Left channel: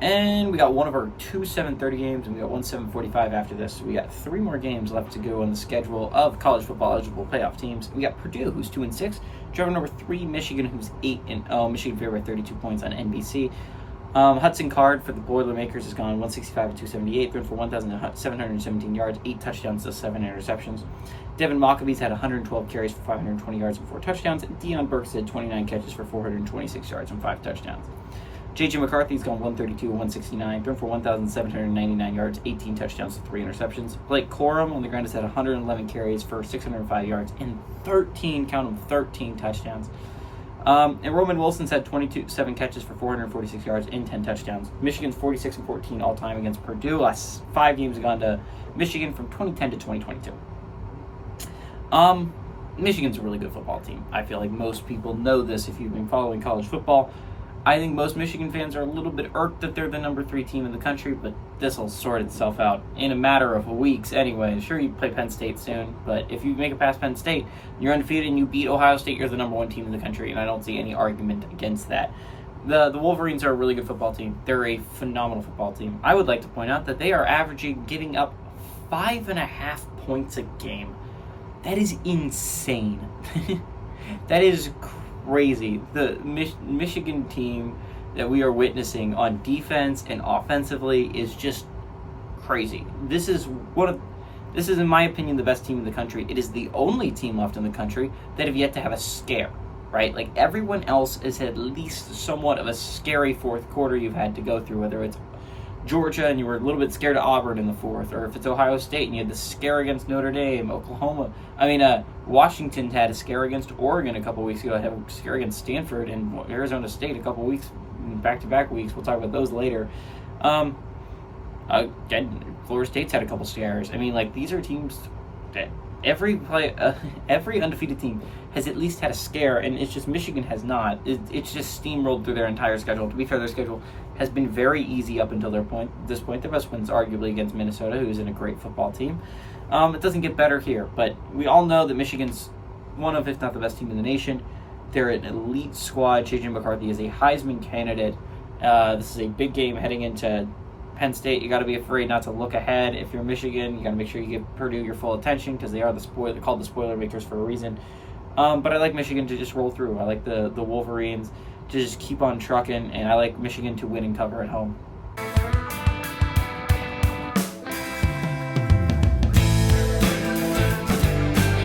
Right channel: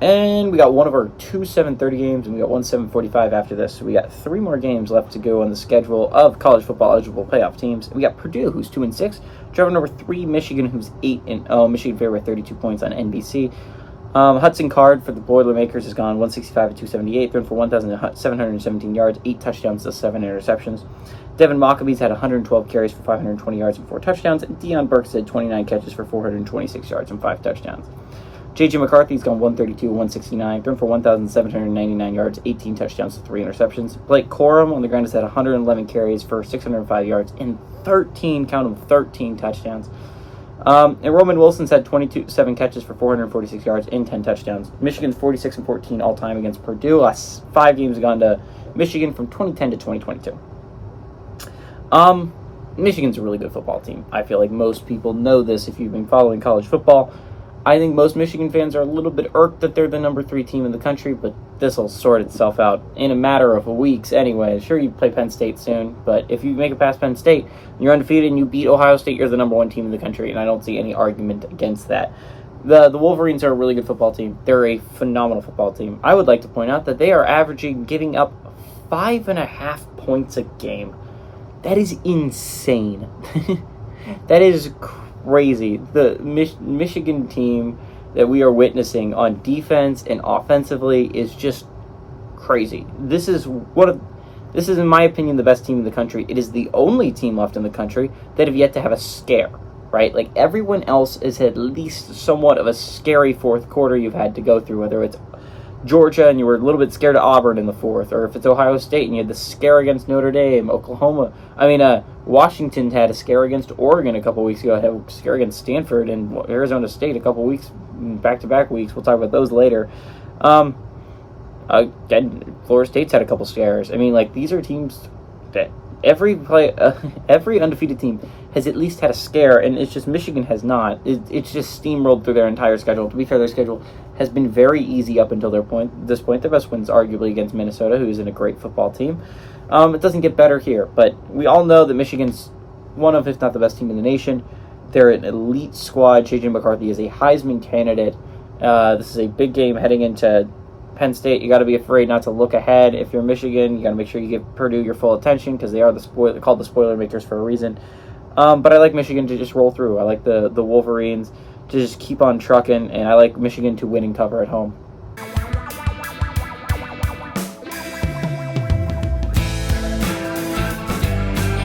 And we got one of our two 7:30 games, and we got one 7:45 after this. So we got three more games left to go on the schedule of college football eligible playoff teams. We got Purdue, who's 2-6, driving over 3 Michigan, who's 8-0. Michigan favored by 32 points on NBC. Hudson Card for the Boilermakers has gone 165-278, thrown for 1,717 yards, 8 touchdowns to 7 interceptions. Devin Maccabees had 112 carries for 520 yards and 4 touchdowns. And Deion Burks had 29 catches for 426 yards and 5 touchdowns. J.J. McCarthy's gone 132-169, thrown for 1,799 yards, 18 touchdowns to 3 interceptions. Blake Corum on the ground has had 111 carries for 605 yards and 13 touchdowns. And Roman Wilson's had 7 catches for 446 yards and 10 touchdowns. Michigan's 46-14 all-time against Purdue. Last 5 games have gone to Michigan from 2010 to 2022. Michigan's a really good football team. I feel like most people know this if you've been following college football. I think most Michigan fans are a little bit irked that they're the number 3 team in the country, but this will sort itself out in a matter of weeks anyway. Sure, you play Penn State soon, but if you make it past Penn State, you're undefeated and you beat Ohio State, you're the number 1 team in the country, and I don't see any argument against that. The Wolverines are a really good football team. They're a phenomenal football team. I would like to point out that they are averaging giving up 5.5 points a game. That is insane. That is crazy. The Michigan team that we are witnessing on defense and offensively is just crazy. This is in my opinion the best team in the country. It is the only team left in the country that have yet to have a scare, right? Like everyone else is at least somewhat of a scary fourth quarter you've had to go through, whether it's Georgia and you were a little bit scared of Auburn in the fourth, or if it's Ohio State and you had the scare against Notre Dame, Washington had a scare against Oregon a couple weeks ago, had a scare against Stanford and Arizona State a couple weeks, back-to-back weeks. We'll talk about those later. Again, Florida State's had a couple scares. These are teams that every undefeated team has at least had a scare, and it's just Michigan has not. It's just steamrolled through their entire schedule. To be fair, their schedule has been very easy up until this point. Their best win's arguably against Minnesota, who's in a great football team. It doesn't get better here, but we all know that Michigan's one of, if not the best team in the nation. They're an elite squad. J.J. McCarthy is a Heisman candidate. This is a big game heading into Penn State. You got to be afraid not to look ahead. If you're Michigan, you got to make sure you give Purdue your full attention because they're called the spoiler makers for a reason. But I like Michigan to just roll through. I like the Wolverines to just keep on trucking, and I like Michigan to win and cover at home.